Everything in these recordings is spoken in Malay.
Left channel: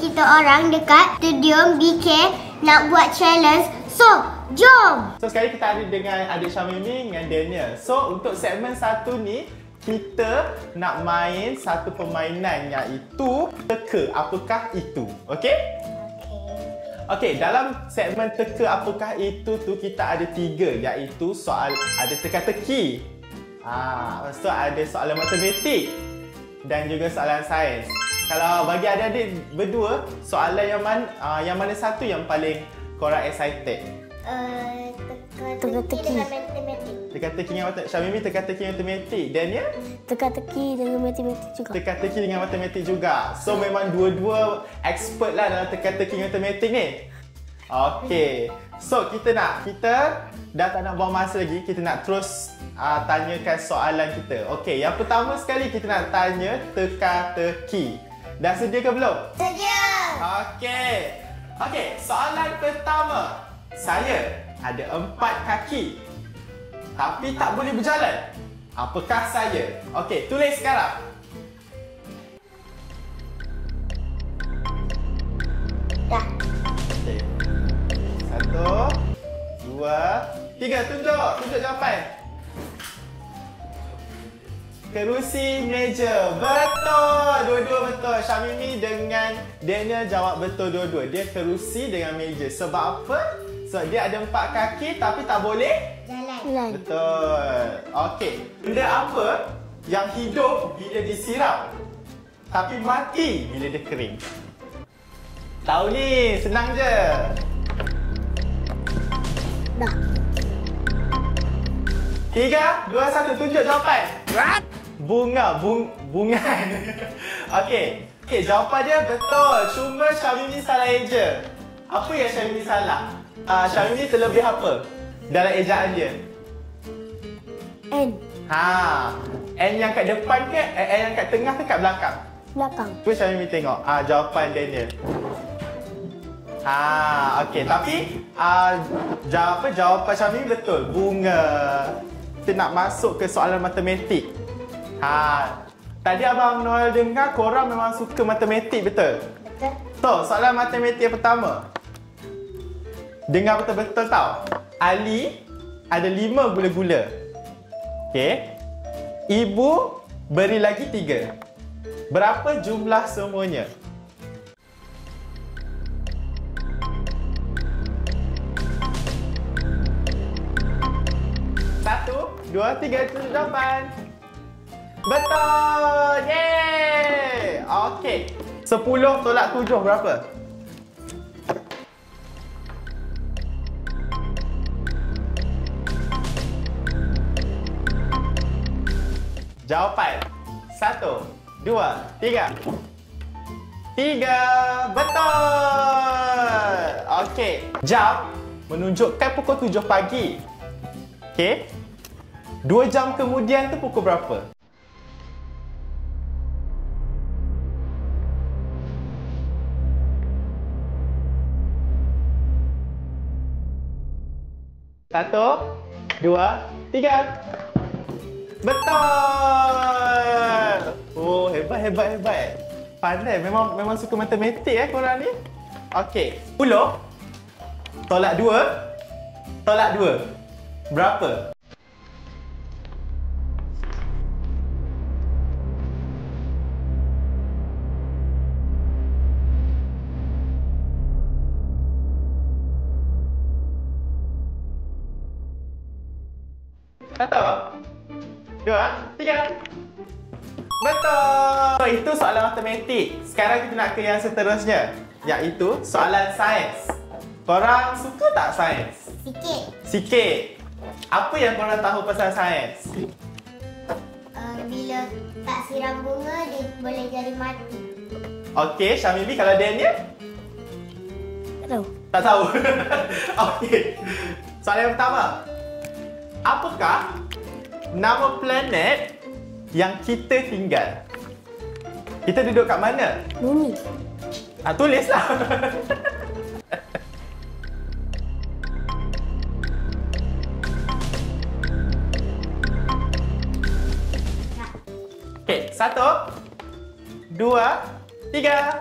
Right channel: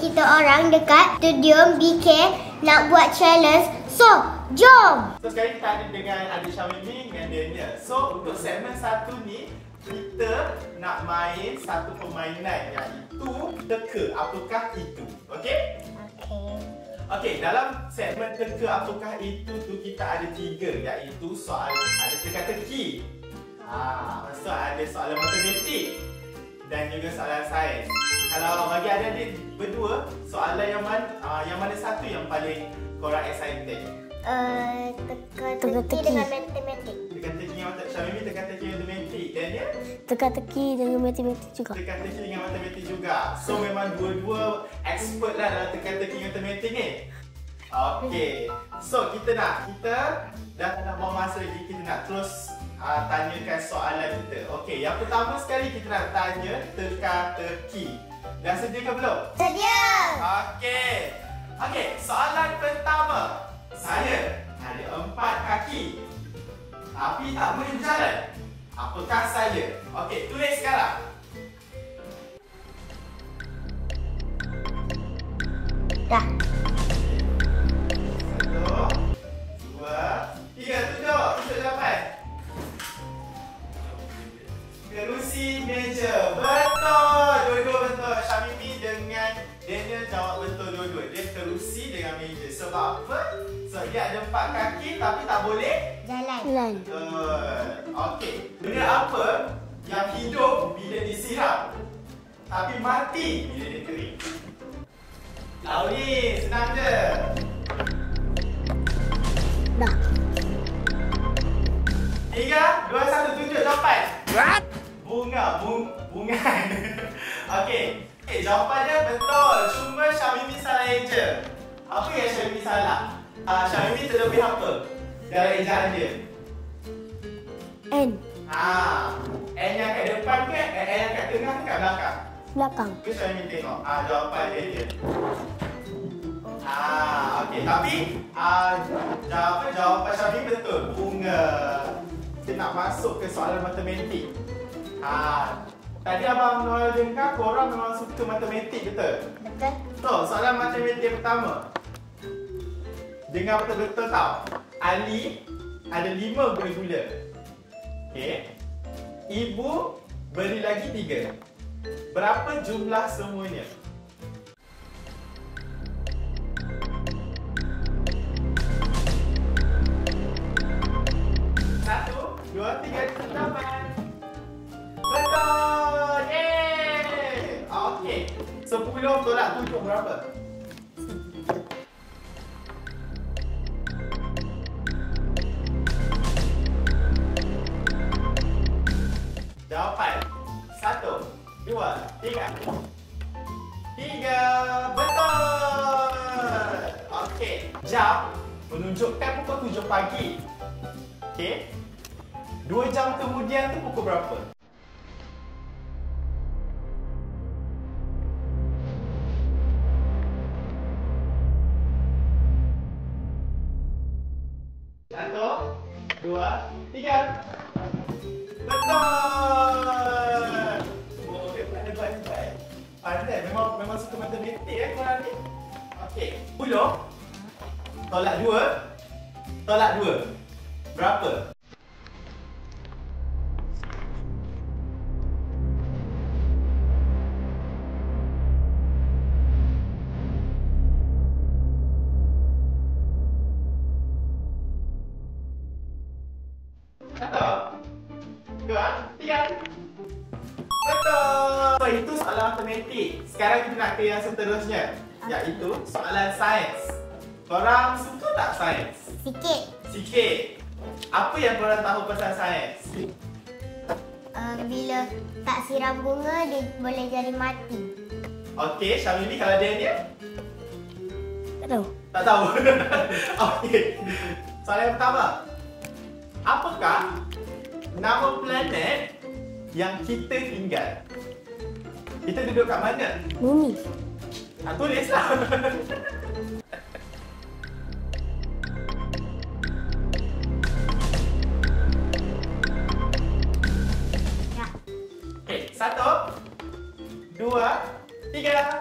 kita orang dekat studio BK nak buat challenge. So, jom! So, sekarang kita ada dengan adik Syamimi dengan Daniel. So, untuk segmen satu ni, kita nak main satu permainan iaitu teka apakah itu. Okey? Okey, dalam segmen teka apakah itu tu kita ada 3 iaitu soal ada teka-teki. So ada soalan matematik dan juga soalan sains. Kalau bagi adik-adik berdua, soalan yang mana satu yang paling korang excited? Teka-teki dengan matematik. Teka-teki dengan matematik. Syamimi teka-teki dengan matematik. Daniel? Teka-teki dengan matematik juga. Teka-teki dengan matematik juga. So memang dua-dua expert lah dalam teka-teki dengan matematik ni. Okey. So kita dah tak nak buang masa lagi. Kita nak terus tanyakan soalan kita. Okey, yang pertama sekali kita nak tanya teka-teki. Dah sedia ke belum? Sedia! Okey, soalan pertama. Saya ada 4 kaki tapi tak boleh berjalan. Apakah saya? Okey, tulis sekarang. Dah. Okey. 1, 2, 3. Tunjuk jawapan. Kerusi meja. Betul. Dua-dua betul. Syamimi dengan Daniel jawab betul dua-dua. Dia kerusi dengan meja. Sebab apa? Sebab dia ada 4 kaki tapi tak boleh Jalan. betul. Okey. Benda apa yang hidup bila disiram tapi mati bila dia kering? Tahu ni, senang je. Dah. 3, 2, 1, tunjuk jawapan. What? Bunga. Okey, jawapan dia betul. Cuma Syamimi salah eja. Apa yang Syamimi salah? Syamimi terlebih apa dalam ejaan dia? N. N yang kat depan ke? N yang kat tengah ke kat belakang? Belakang. Tu Syamimi tengok. Jawapan Daniel. Okey, tapi jawapan Syamimi betul. Bunga. Kita nak masuk ke soalan matematik. Tadi Abang Noel dengar korang memang suka matematik, betul? Betul. So, soalan matematik yang pertama. Dengar betul-betul tau. Ali ada 5 gula-gula. Okey. Ibu beri lagi 3. Berapa jumlah semuanya? Satu, 2, 3, jawapan. Betul! Yeay! Okey. 10 tolak 7 berapa? Jawapan. 1, 2, 3. 3. Betul! Okey. Jam menunjukkan pukul 7 pagi. Okey. 2 jam kemudian tu pukul berapa? Satu, 2, 3. Betul! Oh, hebat. Pandai, memang suka matematik korang ni. Okey, 10 tolak 2 berapa? Satu, 2, 3. Betul! Itu soalan matematik. Sekarang kita nak ke yang seterusnya, iaitu soalan sains. Korang suka tak sains? Sikit. Apa yang korang tahu pasal sains? Bila tak siram bunga, dia boleh jadi mati. Okey, Syamimi, kalau Daniel? Tak tahu. Tak tahu. Okey. Soalan yang pertama. Apakah nama planet yang kita tinggal? Kita duduk kat mana? Bumi. Tulislah. Okey, 1, 2, 3.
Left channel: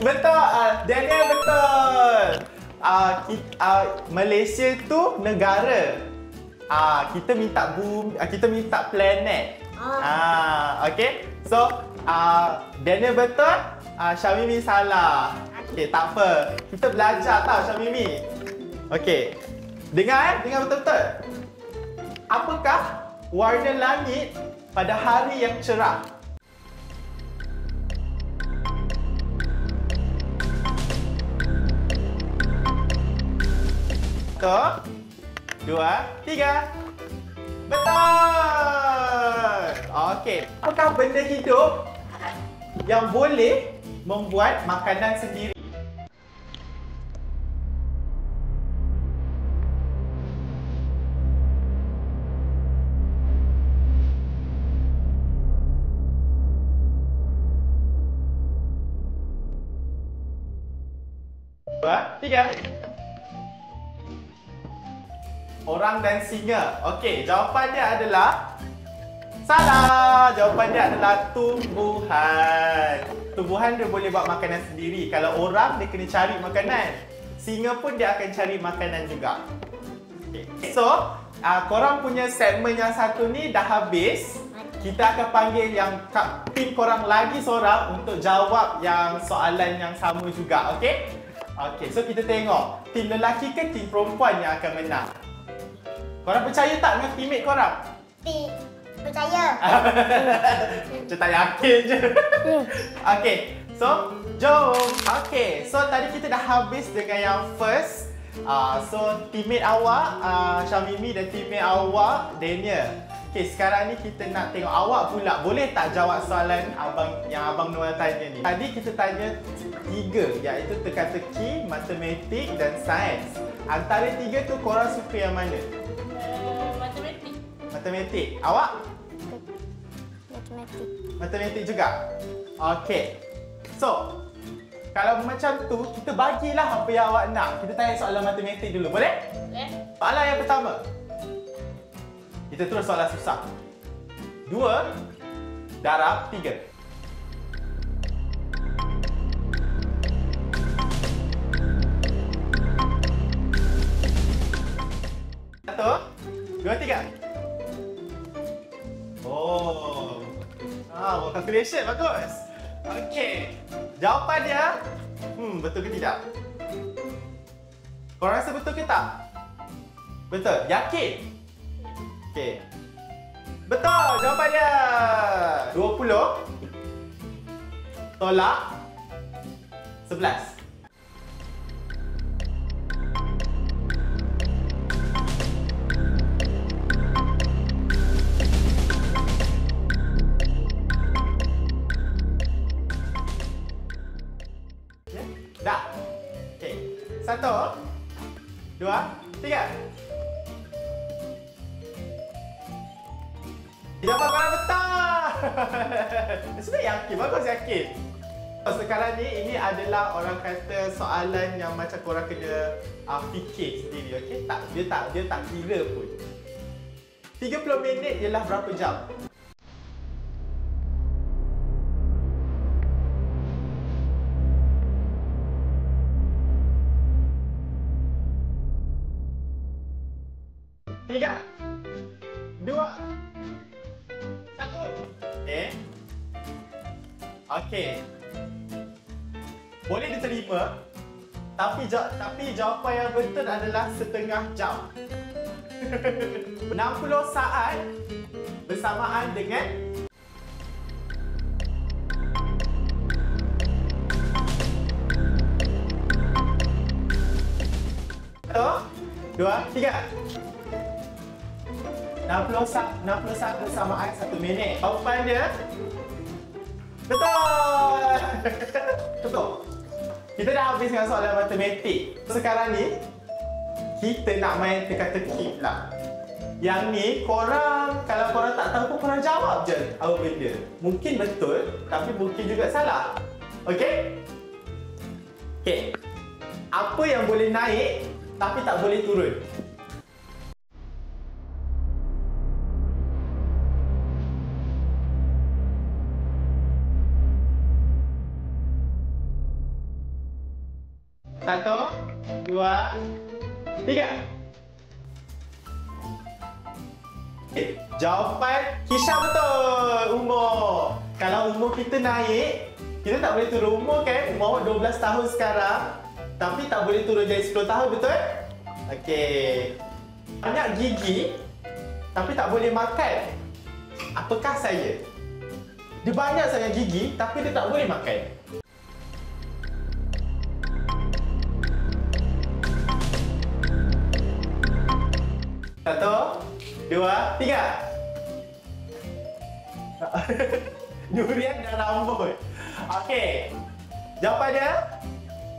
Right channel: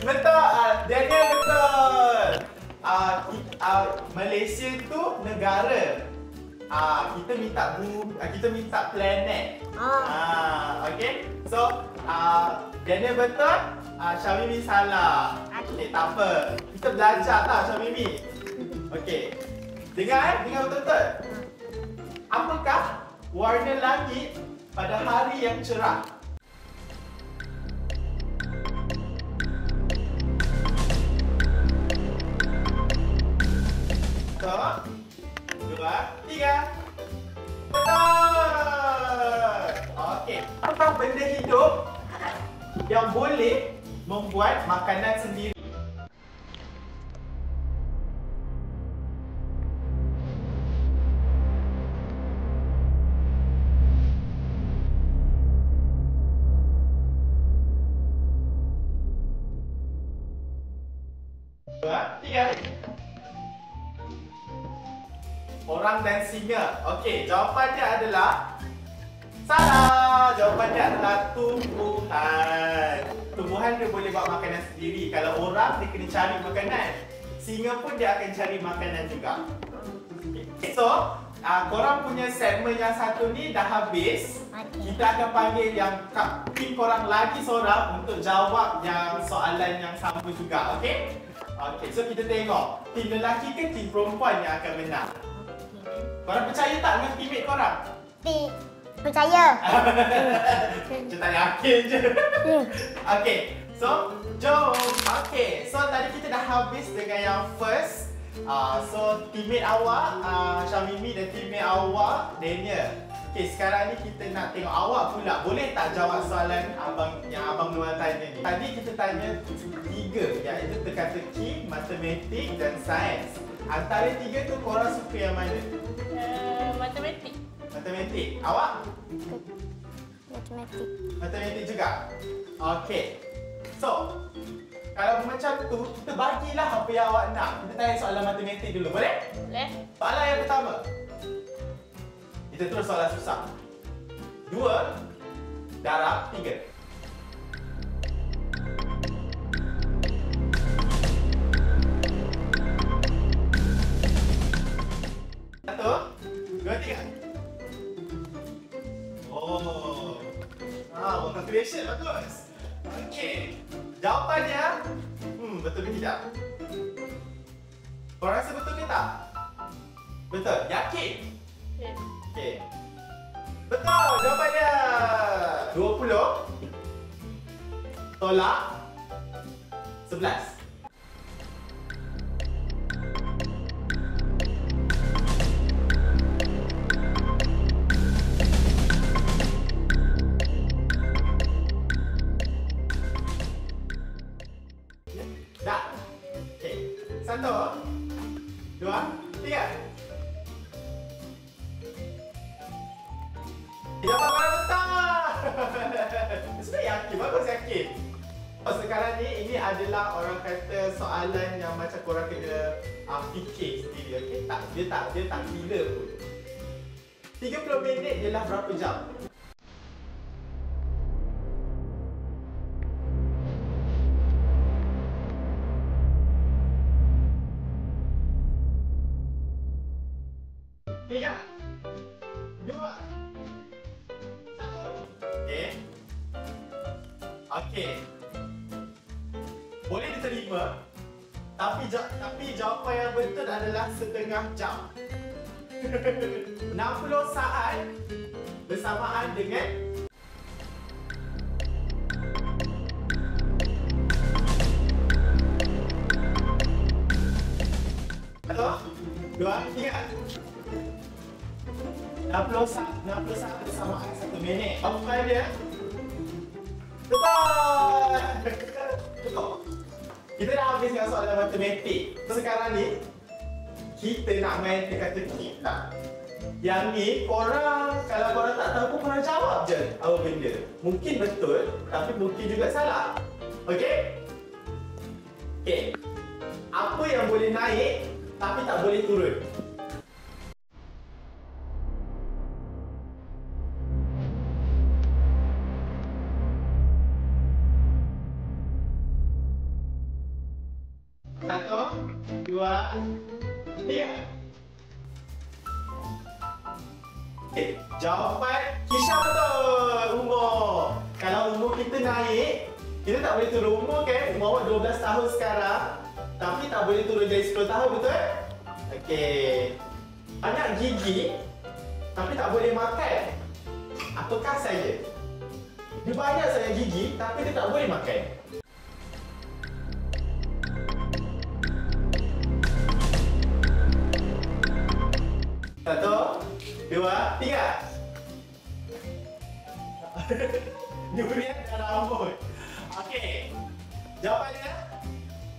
Betul. Daniel betul. Malaysia tu negara. Kita minta planet. Okey. So, Daniel betul, Syamimi salah. Okey, tak apa. Kita belajar tau Syamimi. Okey. Dengar betul-betul. Apakah warna langit pada hari yang cerah? Satu, dua, tiga. Betul! Okey. Apakah benda hidup yang boleh membuat makanan sendiri? Dua, tiga. Orang dan singa. Okey, jawapannya adalah salah. Jawapannya adalah tumbuhan. Tumbuhan dia boleh buat makanan sendiri. Kalau orang, dia kena cari makanan. Singa pun dia akan cari makanan juga. Okay. So, korang punya segmen yang satu ni dah habis. Kita akan panggil yang tim korang lagi seorang untuk jawab yang soalan yang sama juga. Okey? Okey, so kita tengok tim lelaki ke tim perempuan yang akan menang. Korang percaya tak dengan teammate korang? Percaya. Macam tak yakin je. Okey, so jom. Okey, so tadi kita dah habis dengan yang first. So teammate awak Syamimi dan teammate awak Daniel. Okey, sekarang ni kita nak tengok awak pula. Boleh tak jawab soalan yang Abang Noel tanya ni? Tadi kita tanya 3, iaitu teka-teki, matematik dan sains. Antara 3 tu korang suka yang mana? Matematik. Matematik. Awak? Matematik. Matematik juga? Okey. So, kalau macam tu, kita bagilah apa yang awak nak. Kita tanya soalan matematik dulu, boleh? Boleh. Soalan yang pertama. Kita terus soalan susah. 2 darab 3. Satu, dua, tiga. Oh. Buat calculation bagus. Okey. Jawapannya betul ke tidak? Korang rasa betul ke tak? Betul. Yakin? Okey. Betul jawapannya. 20 tolak 11. Dah. Okey. 1 2 3. Jawapan korang betul. Sebenarnya yakin, bagus yakin. Sekarang ni ini adalah orang kata soalan yang macam korang kena fikir sendiri, okey? Dia tak kira pun. 30 minit ialah berapa jam? Tiga, dua, satu. Okey. Boleh diterima, tapi jawapan yang betul adalah setengah jam. 60 saat bersamaan dengan satu, dua, tiga. 60 saat bersamaan 1 minit. Jawapan dia betul. Betul. Kita dah habis dengan soalan matematik. Sekarang ni kita nak main teka-teki pula. Yang ni korang, kalau korang tak tahu pun korang jawab je apa benda. Mungkin betul, tapi mungkin juga salah. Okey? Okey. Apa yang boleh naik tapi tak boleh turun? 1, 2, 3. Jawapan Kisha betul. Umur. Kalau umur kita naik, kita tak boleh turun umur kan? Umur awak 12 tahun sekarang. Tapi tak boleh turun jadi 10 tahun, betul? Okey. Banyak gigi, tapi tak boleh makan. Apakah saya? Dia banyak sangat gigi, tapi dia tak boleh makan. Satu, dua, tiga. Durian dan rambut. Okey. Jawapannya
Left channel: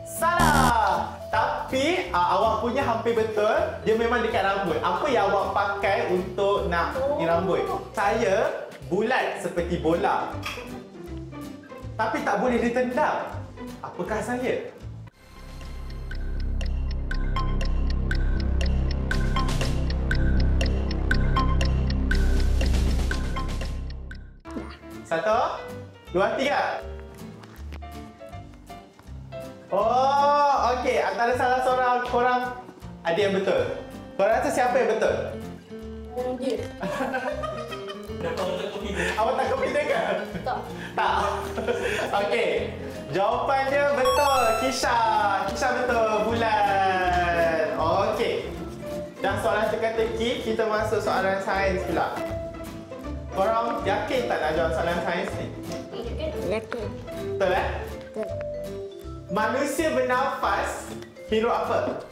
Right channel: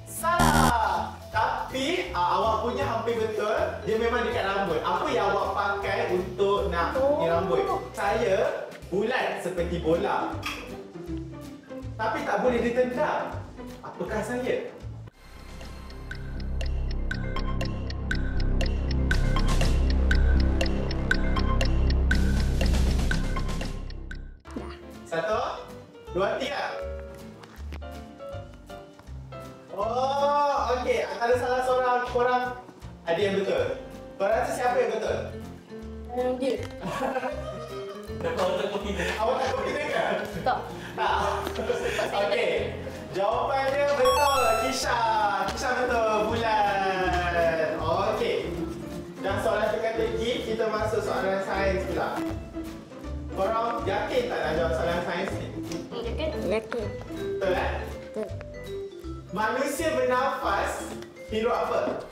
salah. Tapi awak punya hampir betul. Dia memang dekat rambut. Apa yang awak pakai untuk nak ni rambut? Saya bulat seperti bola. Tapi tak boleh ditendang. Apakah saya? Satu, dua, tiga. Oh, okey. Antara salah seorang korang ada yang betul. Korang rasa siapa yang betul? Dia. Awak tak confident ke? Tak. Tak. Okey. Jawapannya betul. Kisha. Kisha betul. Bulan. Okey. Dan soalan teka-teki, kita masuk soalan sains pula. Korang yakin tak nak jawab soalan sains ni? Yakin. Betul eh? Betul. Manusia bernafas hirup apa?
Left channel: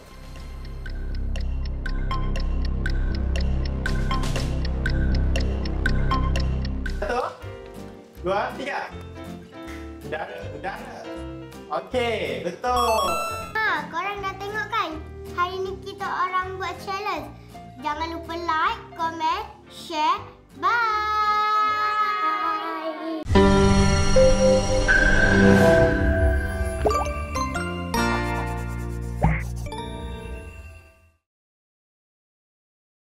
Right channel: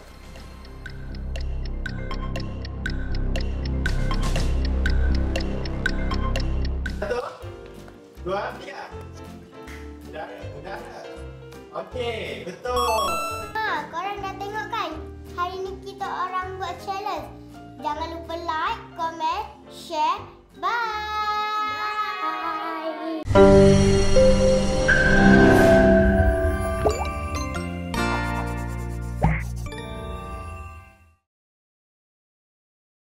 Satu, dua, tiga. Udara. Okey, betul. Korang dah tengok kan? Hari ni kita orang buat challenge. Jangan lupa like, comment, share. Bye.